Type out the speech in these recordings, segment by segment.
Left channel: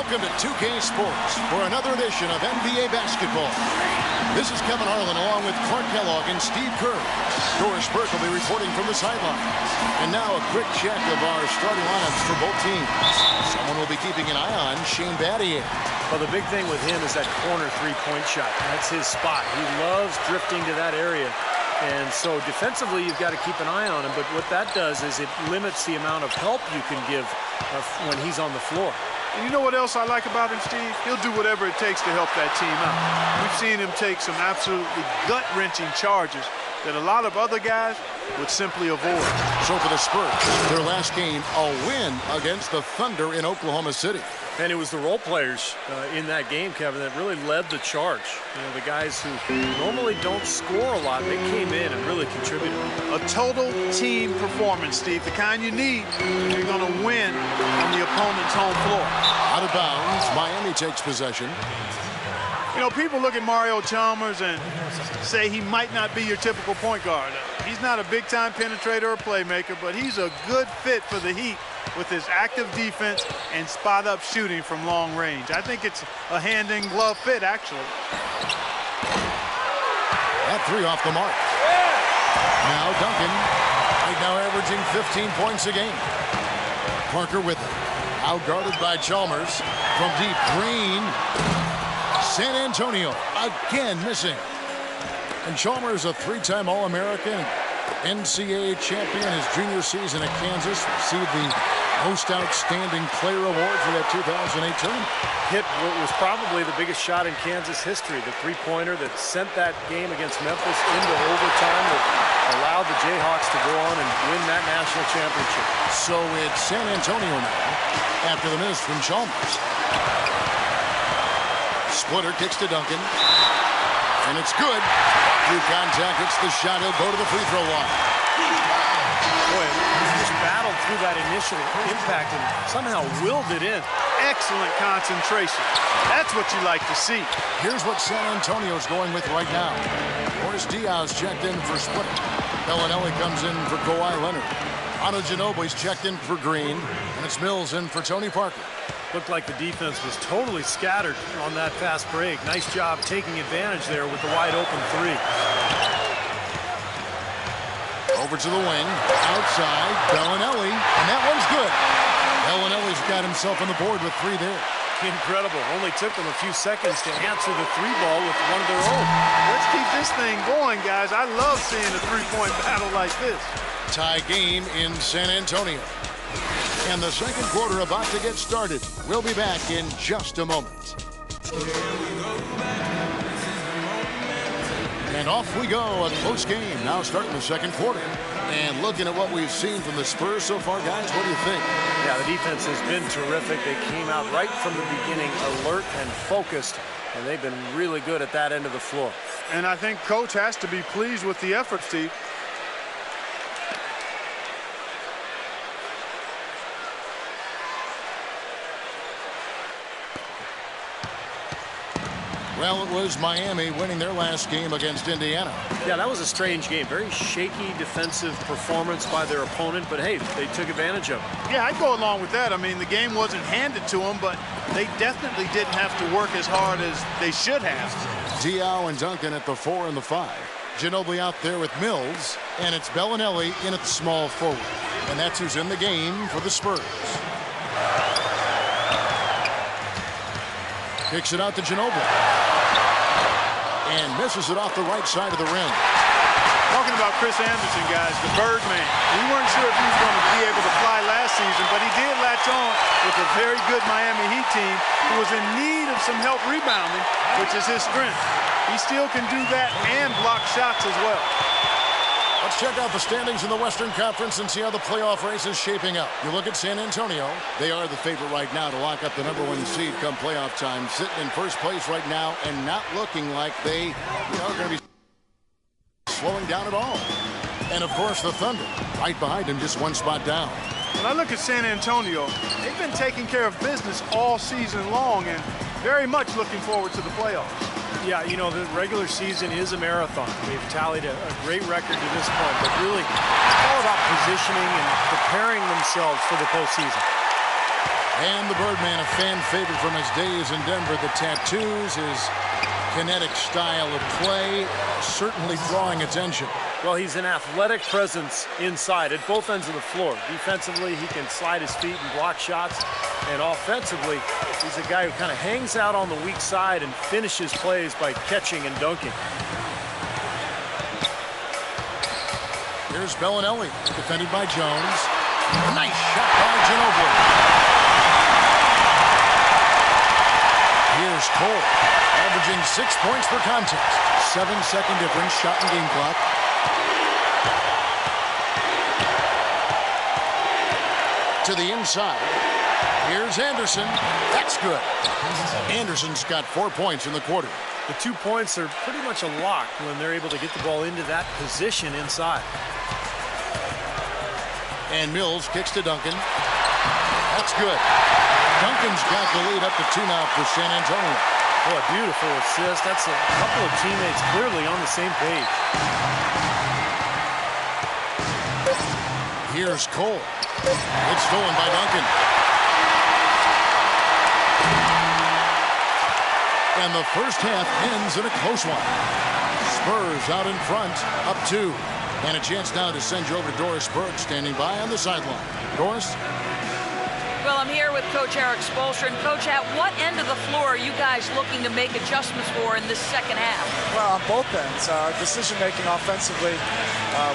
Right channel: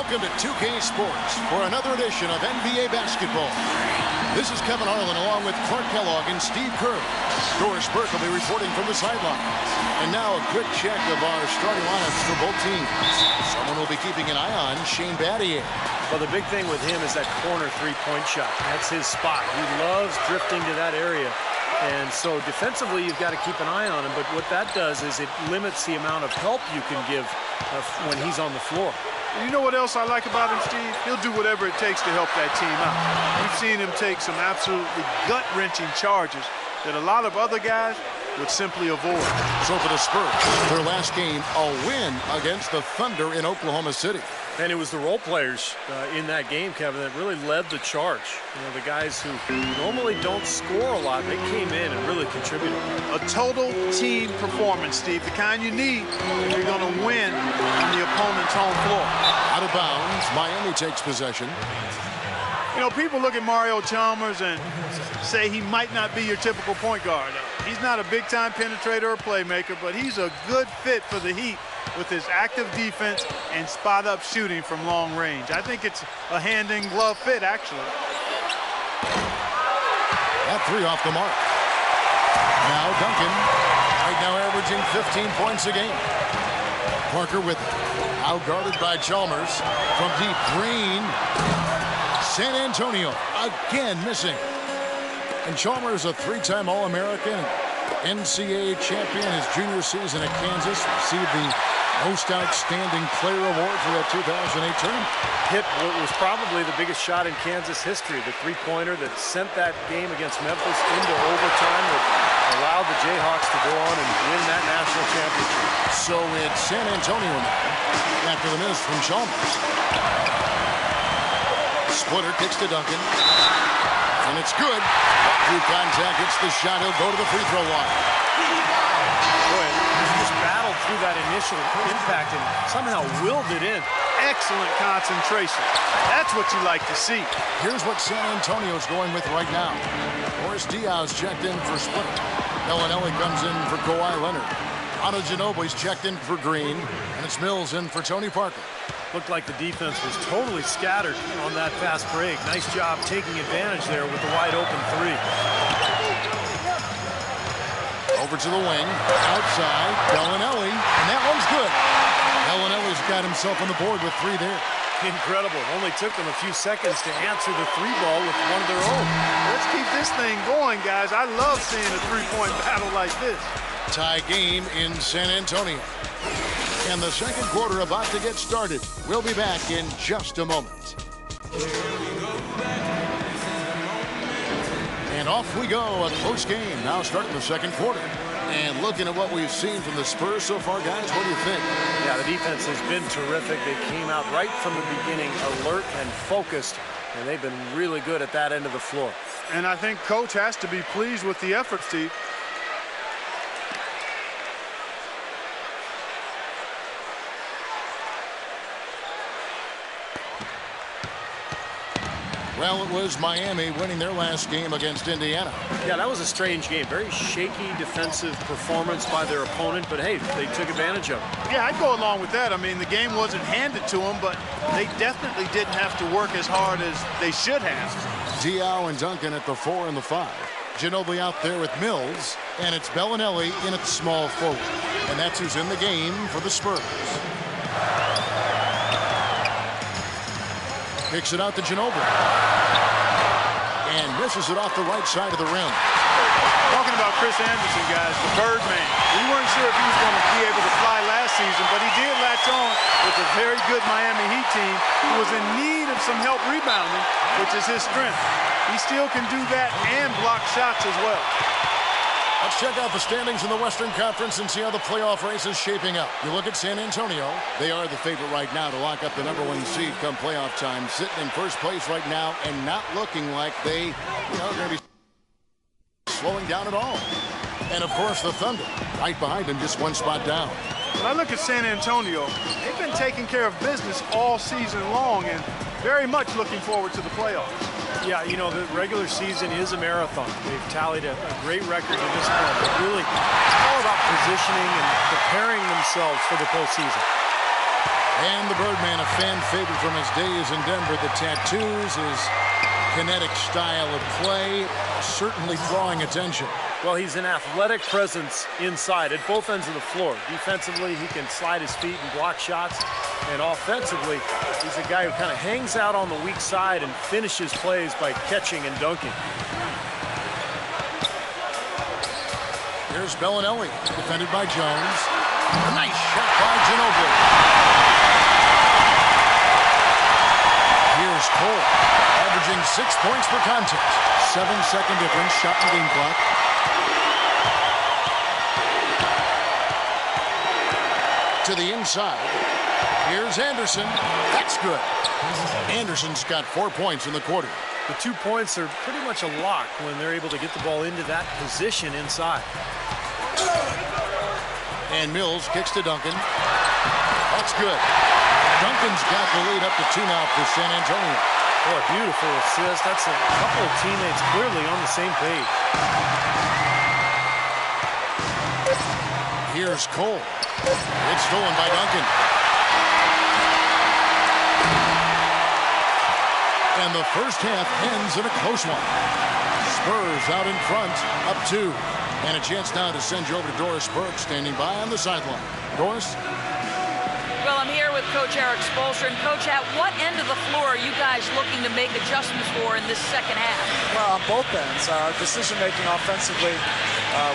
Welcome to 2K Sports for another edition of NBA basketball. This is Kevin Harlan along with Clark Kellogg and Steve Kerr. Doris Burke will be reporting from the sidelines. And now a quick check of our starting lineups for both teams. Someone will be keeping an eye on Shane Battier. Well, the big thing with him is that corner three-point shot. That's his spot. He loves drifting to that area. And so defensively, you've got to keep an eye on him. But what that does is it limits the amount of help you can give when he's on the floor. And you know what else I like about him, Steve? He'll do whatever it takes to help that team out. We've seen him take some absolutely gut-wrenching charges that a lot of other guys would simply avoid. So for the Spurs, their last game, a win against the Thunder in Oklahoma City. And it was the role players in that game, Kevin, that really led the charge. You know, the guys who normally don't score a lot, they came in and really contributed. A total team performance, Steve, the kind you need if you're going to win on the opponent's home floor. Out of bounds, Miami takes possession. You know, people look at Mario Chalmers and say he might not be your typical point guard. He's not a big-time penetrator or playmaker, but he's a good fit for the Heat with his active defense and spot-up shooting from long range. I think it's a hand-in-glove fit, actually. That three off the mark. Now Duncan, right now averaging 15 points a game. Parker with it. Out guarded by Chalmers. From deep, Green. San Antonio again missing. And Chalmers, a three-time All-American, NCAA champion his junior season at Kansas, received the Most Outstanding Player Award for that 2008 tournament. Hit what was probably the biggest shot in Kansas history, the three-pointer that sent that game against Memphis into overtime that allowed the Jayhawks to go on and win that national championship. So it's San Antonio now after the miss from Chalmers. Splitter kicks to Duncan. And it's good. Walk through contact, hits the shot. He'll go to the free throw line. Boy, he's just battled through that initial impact and somehow willed it in. Excellent concentration. That's what you like to see. Here's what San Antonio's going with right now. Boris Diaz checked in for Splitter. Bellinelli comes in for Kawhi Leonard. Otto Ginobili's checked in for Green. And it's Mills in for Tony Parker. Looked like the defense was totally scattered on that fast break. Nice job taking advantage there with the wide open three. Over to the wing, outside, Bellinelli, and that one's good. Bellinelli's got himself on the board with three there. Incredible. Only took them a few seconds to answer the three ball with one of their own. Let's keep this thing going, guys. I love seeing a three-point battle like this. Tie game in San Antonio. And the second quarter about to get started. We'll be back in just a moment. And off we go, a close game. Now starting the second quarter. And looking at what we've seen from the Spurs so far, guys, what do you think? Yeah, the defense has been terrific. They came out right from the beginning, alert and focused, and they've been really good at that end of the floor. And I think Coach has to be pleased with the effort, Steve. Well, it was Miami winning their last game against Indiana. Yeah, that was a strange game. Very shaky defensive performance by their opponent, but hey, they took advantage of it. Yeah, I'd go along with that. I mean, the game wasn't handed to them, but they definitely didn't have to work as hard as they should have. Diao and Duncan at the 4 and the 5. Ginobili out there with Mills, and it's Bellinelli in at the small forward. And that's who's in the game for the Spurs. Kicks it out to Ginobili. And misses it off the right side of the rim. Talking about Chris Anderson, guys, the Birdman. We weren't sure if he was going to be able to fly last season, but he did latch on with a very good Miami Heat team who was in need of some help rebounding, which is his strength. He still can do that and block shots as well. Let's check out the standings in the Western Conference and see how the playoff race is shaping up. You look at San Antonio. They are the favorite right now to lock up the #1 seed come playoff time. Sitting in first place right now and not looking like they are going to be slowing down at all. And, of course, the Thunder right behind them, just one spot down. When I look at San Antonio, they've been taking care of business all season long and very much looking forward to the playoffs. Yeah, you know, the regular season is a marathon. They've tallied a great record to this point, but really it's all about positioning and preparing themselves for the postseason. And the Birdman, a fan favorite from his days in Denver. The tattoos, his kinetic style of play, certainly drawing attention. Well, he's an athletic presence inside at both ends of the floor. Defensively, he can slide his feet and block shots. And offensively, he's a guy who kind of hangs out on the weak side and finishes plays by catching and dunking. Here's Bellinelli, defended by Jones. A nice shot by Ginobili. Here's Cole, averaging 6 points per contest. 7-second difference, shot and game clock. To the inside. Here's Anderson. That's good. Anderson's got 4 points in the quarter. The 2 points are pretty much a lock when they're able to get the ball into that position inside. And Mills kicks to Duncan. That's good. Duncan's got the lead up to 2 now for San Antonio. Oh, a beautiful assist. That's a couple of teammates clearly on the same page. Here's Cole. It's stolen by Duncan. And the first half ends in a close one. Spurs out in front, up 2. And a chance now to send you over to Doris Burke, standing by on the sideline. Doris? Well, I'm here with Coach Eric Spoelstra. And Coach, at what end of the floor are you guys looking to make adjustments for in this second half? Well, on both ends. Our decision-making offensively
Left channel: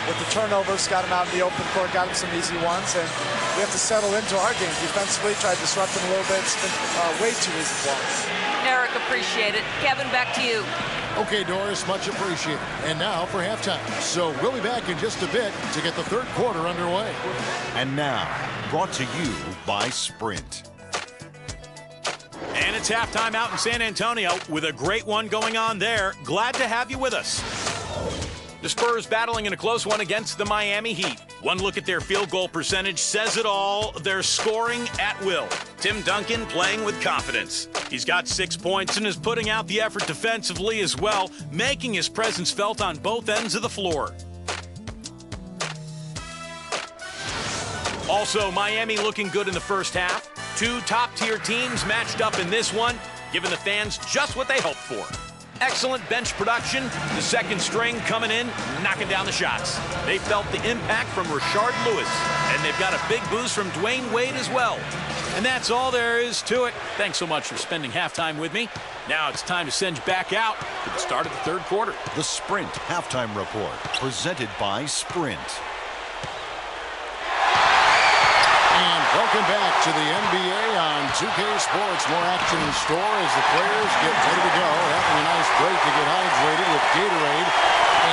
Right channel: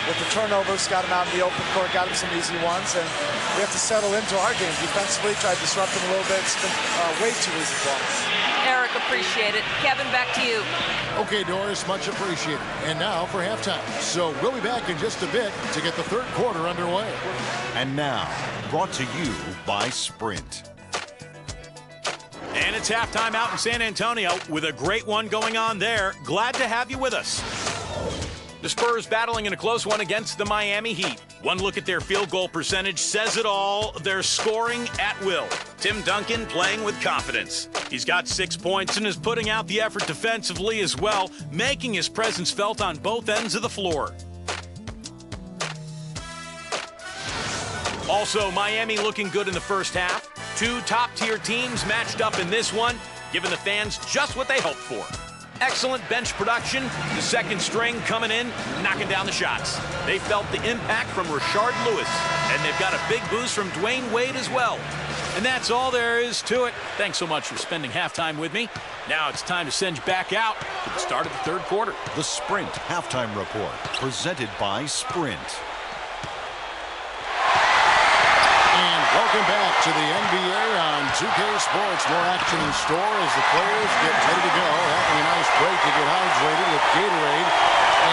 with the turnovers, got him out in the open court, got him some easy ones, and we have to settle into our game defensively, try to disrupt them a little bit. It's been way too easy for us. Eric, appreciate it. Kevin, back to you. Okay, Doris, much appreciated. And now for halftime. So we'll be back in just a bit to get the third quarter underway. And now, brought to you by Sprint. And it's halftime out in San Antonio with a great one going on there. Glad to have you with us. The Spurs battling in a close one against the Miami Heat. One look at their field goal percentage says it all. They're scoring at will. Tim Duncan playing with confidence. He's got 6 points and is putting out the effort defensively as well, making his presence felt on both ends of the floor. Also, Miami looking good in the first half. 2 top-tier teams matched up in this one, giving the fans just what they hoped for. Excellent bench production. The second string coming in, knocking down the shots. They felt the impact from Rashard Lewis, and they've got a big boost from Dwayne Wade as well. And that's all there is to it. Thanks so much for spending halftime with me. Now it's time to send you back out to the start of the third quarter. The Sprint Halftime Report, presented by Sprint. And welcome back to the NBA on 2K Sports. More action in store as the players get ready to go. Having a nice break to get hydrated with Gatorade.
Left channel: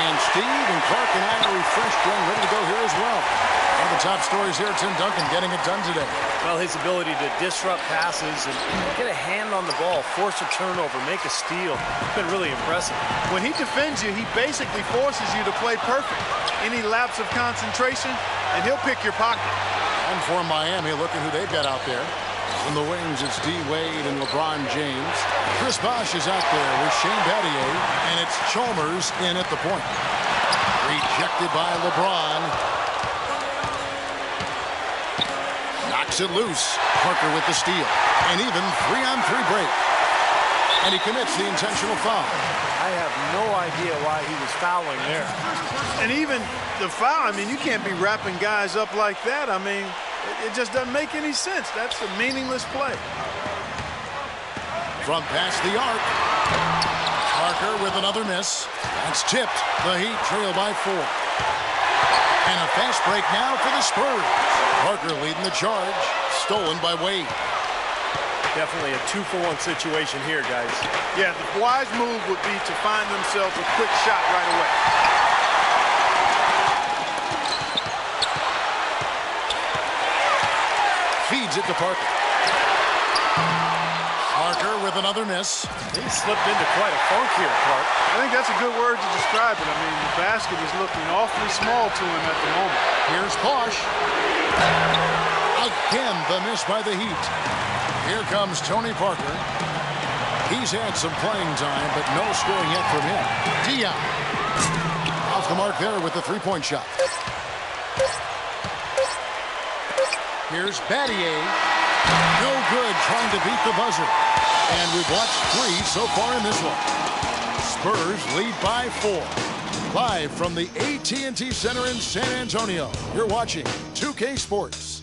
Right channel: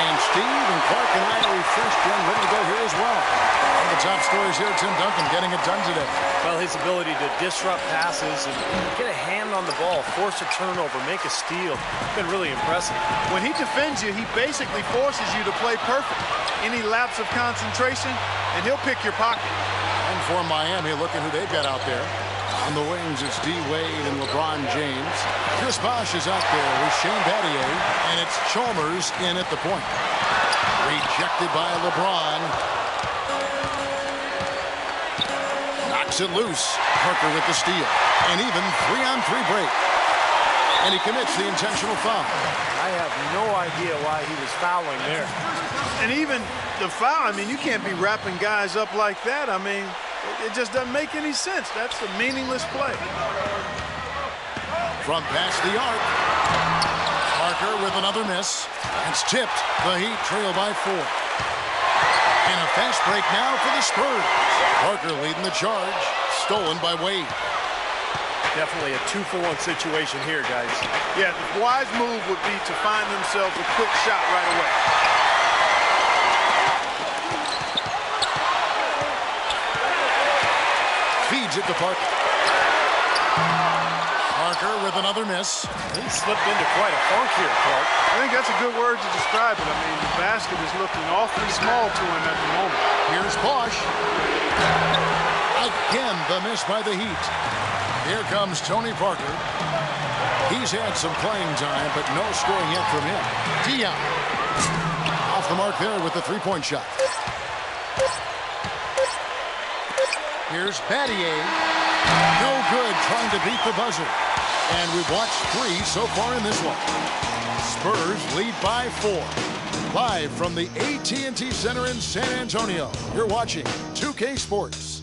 And Steve and Clark and I are refreshed and ready to go here as well. One of the top stories here, Tim Duncan getting it done today. Well, his ability to disrupt passes and get a hand on the ball, force a turnover, make a steal, it's been really impressive. When he defends you, he basically forces you to play perfect. Any lapse of concentration, and he'll pick your pocket. And for Miami, look at who they've got out there. On the wings, it's D. Wade and LeBron James. Chris Bosh is out there with Shane Battier, and it's Chalmers in at the point. Rejected by LeBron. Knocks it loose. Parker with the steal. And even 3-on-3 break. And he commits the intentional foul. I have no idea why he was fouling there. And even the foul, I mean, you can't be wrapping guys up like that. I mean, it just doesn't make any sense. That's a meaningless play. From past the arc. Parker with another miss. That's tipped. The Heat trail by 4. And a fast break now for the Spurs. Parker leading the charge. Stolen by Wade. Definitely a 2-for-1 situation here, guys. Yeah, the wise move would be to find themselves a quick shot right away. Feeds it to Parker. Parker with another miss. He slipped into quite a funk here, Clark. I think that's a good word to describe it. I mean, the basket is looking awfully small to him at the moment. Here's Bosh. Again, the miss by the Heat. Here comes Tony Parker. He's had some playing time, but no scoring yet from him. Dion. Off the mark there with the three-point shot. Here's Battier. No good, trying to beat the buzzer. And we've watched 3 so far in this one. Spurs lead by 4. Live from the AT&T Center in San Antonio, you're watching 2K Sports.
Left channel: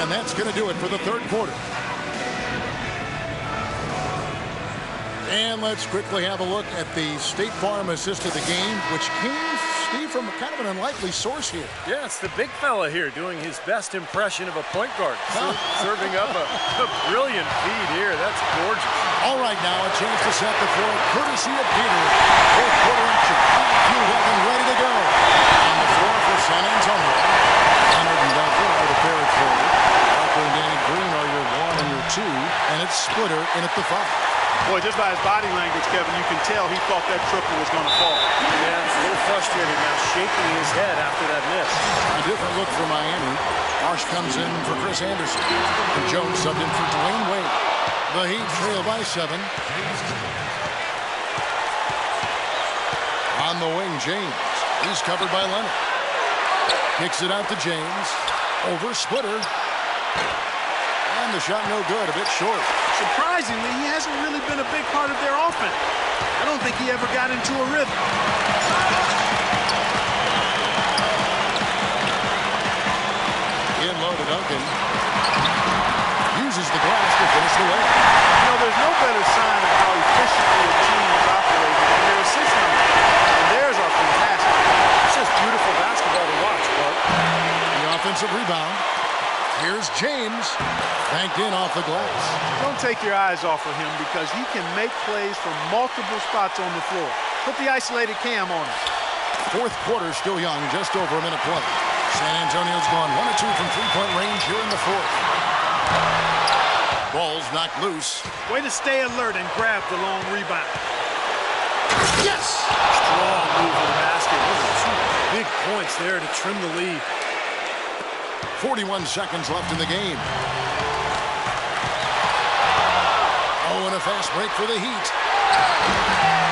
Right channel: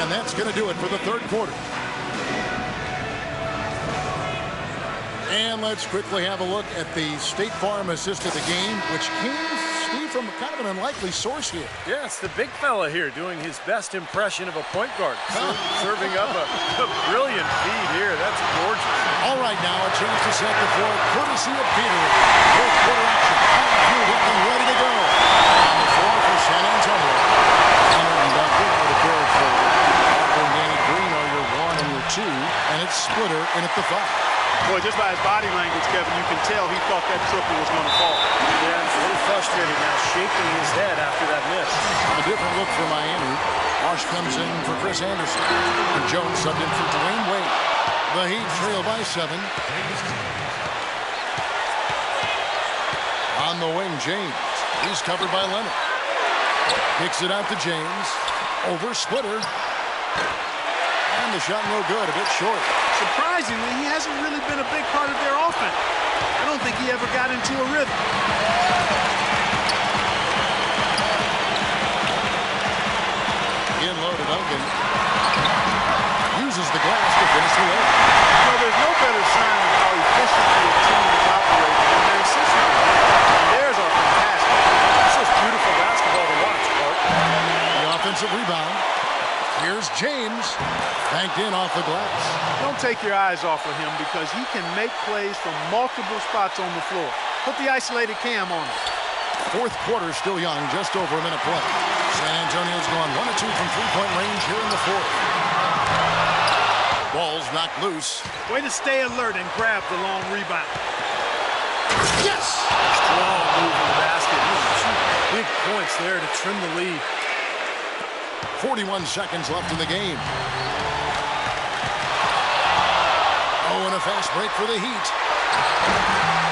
And that's going to do it for the third quarter. And let's quickly have a look at the State Farm assist of the game, which came, Steve, from kind of an unlikely source here. Yeah, it's the big fella here doing his best impression of a point guard. Serving up a brilliant feed here. That's gorgeous. All right, now a chance to set the floor, courtesy of Gatorade. Fourth quarter action, all fueled up and ready to go. On the floor for San Antonio, Leonard and Duncan are the pair at forward. Parker and Danny Green are your 1 and your 2, and it's Splitter in at the 5. Boy, just by his body language, Kevin, you can tell he thought that triple was going to fall. Yeah, he's a little frustrated now, shaking his head after that miss. A different look for Miami. Marsh comes in for Chris Anderson. And Jones subbed in for Dwayne Wade. The Heat trail by 7. On the wing, James. He's covered by Leonard. Kicks it out to James. Over Splitter. And the shot no good, a bit short. Surprisingly, he hasn't really been a big part of their offense. I don't think he ever got into a rhythm. In low to Duncan. Uses the glass to finish the layup. You know, there's no better sign of how efficiently a team is operating than their assist numbers. And theirs are fantastic. It's just beautiful basketball to watch, Clark. The offensive rebound. Here's James, banked in off the glass. Don't take your eyes off of him because he can make plays from multiple spots on the floor. Put the isolated cam on him. Fourth quarter still young, just over a minute play. San Antonio's gone 1 of 2 from three-point range here in the fourth. Ball's knocked loose. Way to stay alert and grab the long rebound. Yes! Strong move to the basket. Those are 2 big points there to trim the lead. 41 seconds left in the game. Oh, and a fast break for the Heat.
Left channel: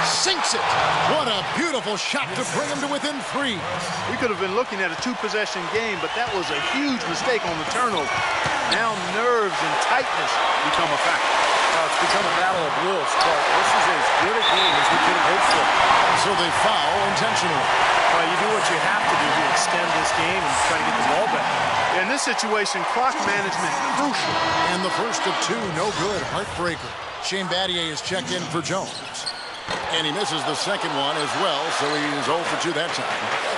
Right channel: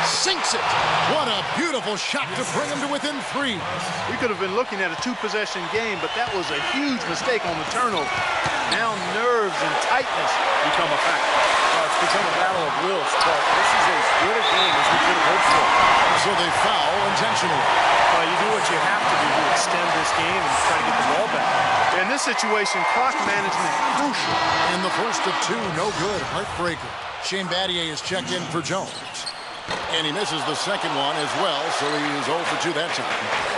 Sinks it. What a beautiful shot to bring him to within 3. We could have been looking at a 2-possession game, but that was a huge mistake on the turnover. Now nerves and tightness become a factor. It's become a battle of wills, Clark. This is as good a game as we could have hoped for. So they foul intentionally. Well, you do what you have to do to extend this game and try to get the ball back. In this situation, clock management crucial. And the first of 2, no good. Heartbreaker. Shane Battier is checked in for Jones. And he misses the second one as well, so he is 0 for 2 that time.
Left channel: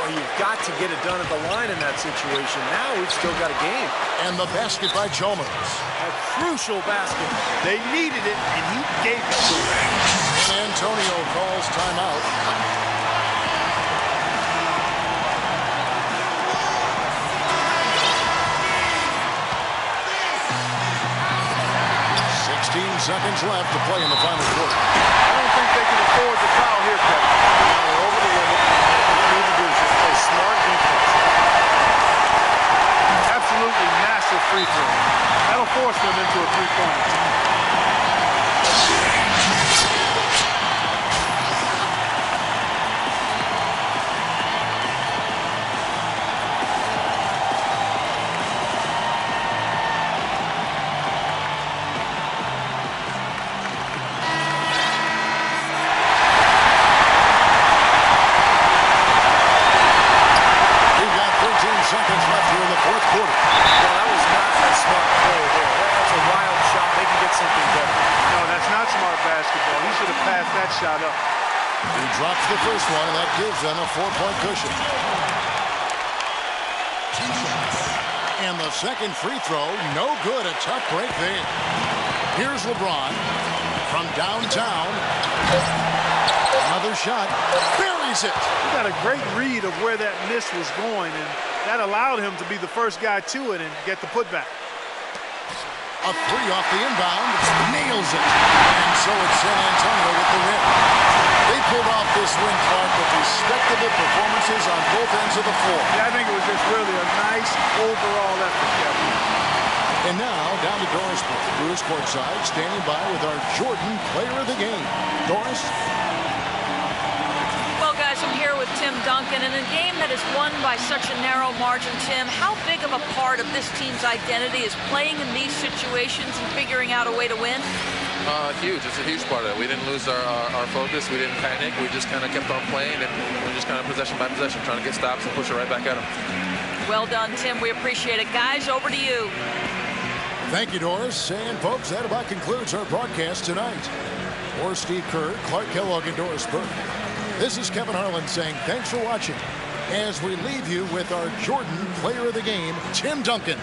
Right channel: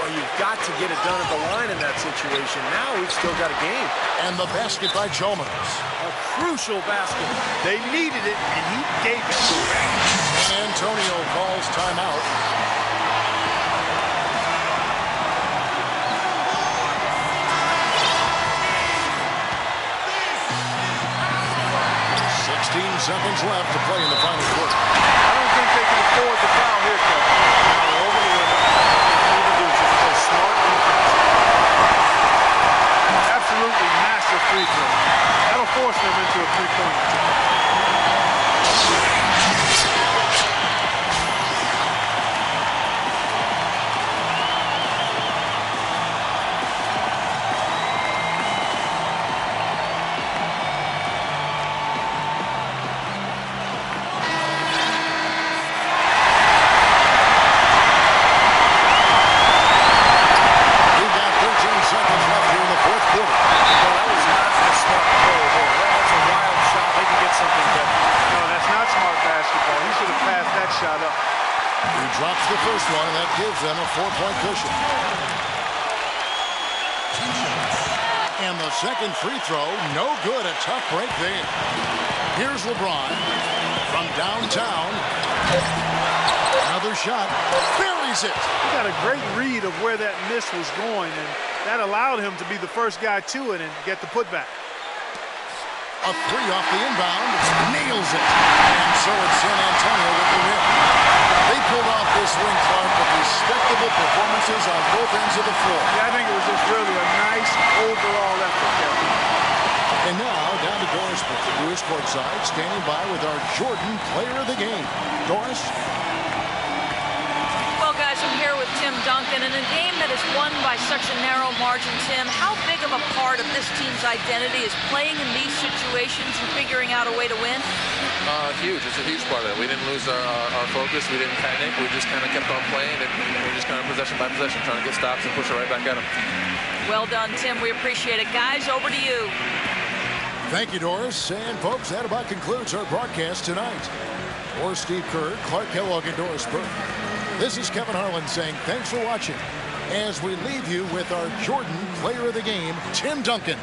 Boy, you've got to get it done at the line in that situation. Now we've still got a game. And the basket by Chalmers. A crucial basket. They needed it, and he gave it to them. And Antonio calls timeout. 16 seconds left to play in the final quarter. I don't think they can afford the foul here, Kevin. Now they're over the limit. All they need to do is just play smart defense. Absolutely massive free throw. That'll force them into a three-point attempt. Seconds left here in the fourth quarter. Well, that was not a smart play there. That's a wild shot. They can get something better. No, that's not smart basketball. He should have passed that shot up. He drops the first one, and that gives them a 4-point cushion. And the second free throw, no good. A tough break there. Here's LeBron from downtown. Another shot. Buries it. He got a great read of where that miss was going, and that allowed him to be the first guy to it and get the putback. A 3 off the inbound. Nails it. And so it's San Antonio with the win. They pulled off this win, Clark, with respectable performances on both ends of the floor. Yeah, I think it was just really a nice overall effort, Kevin. And now down to Doris Lewis courtside, standing by with our Jordan player of the game. Doris? Well, guys, I'm here with Tim Duncan. In a game that is won by such a narrow margin, Tim, how big of a part of this team's identity is playing in these situations and figuring out a way to win? Huge. It's a huge part of it. We didn't lose our focus. We didn't panic. We just kind of kept on playing, and we just kind of possession by possession, trying to get stops and push it right back at them. Well done, Tim. We appreciate it. Guys, over to you. Thank you, Doris. And, folks, that about concludes our broadcast tonight. For Steve Kerr, Clark Kellogg, and Doris Burke, this is Kevin Harlan saying thanks for watching as we leave you with our Jordan Player of the Game, Tim Duncan.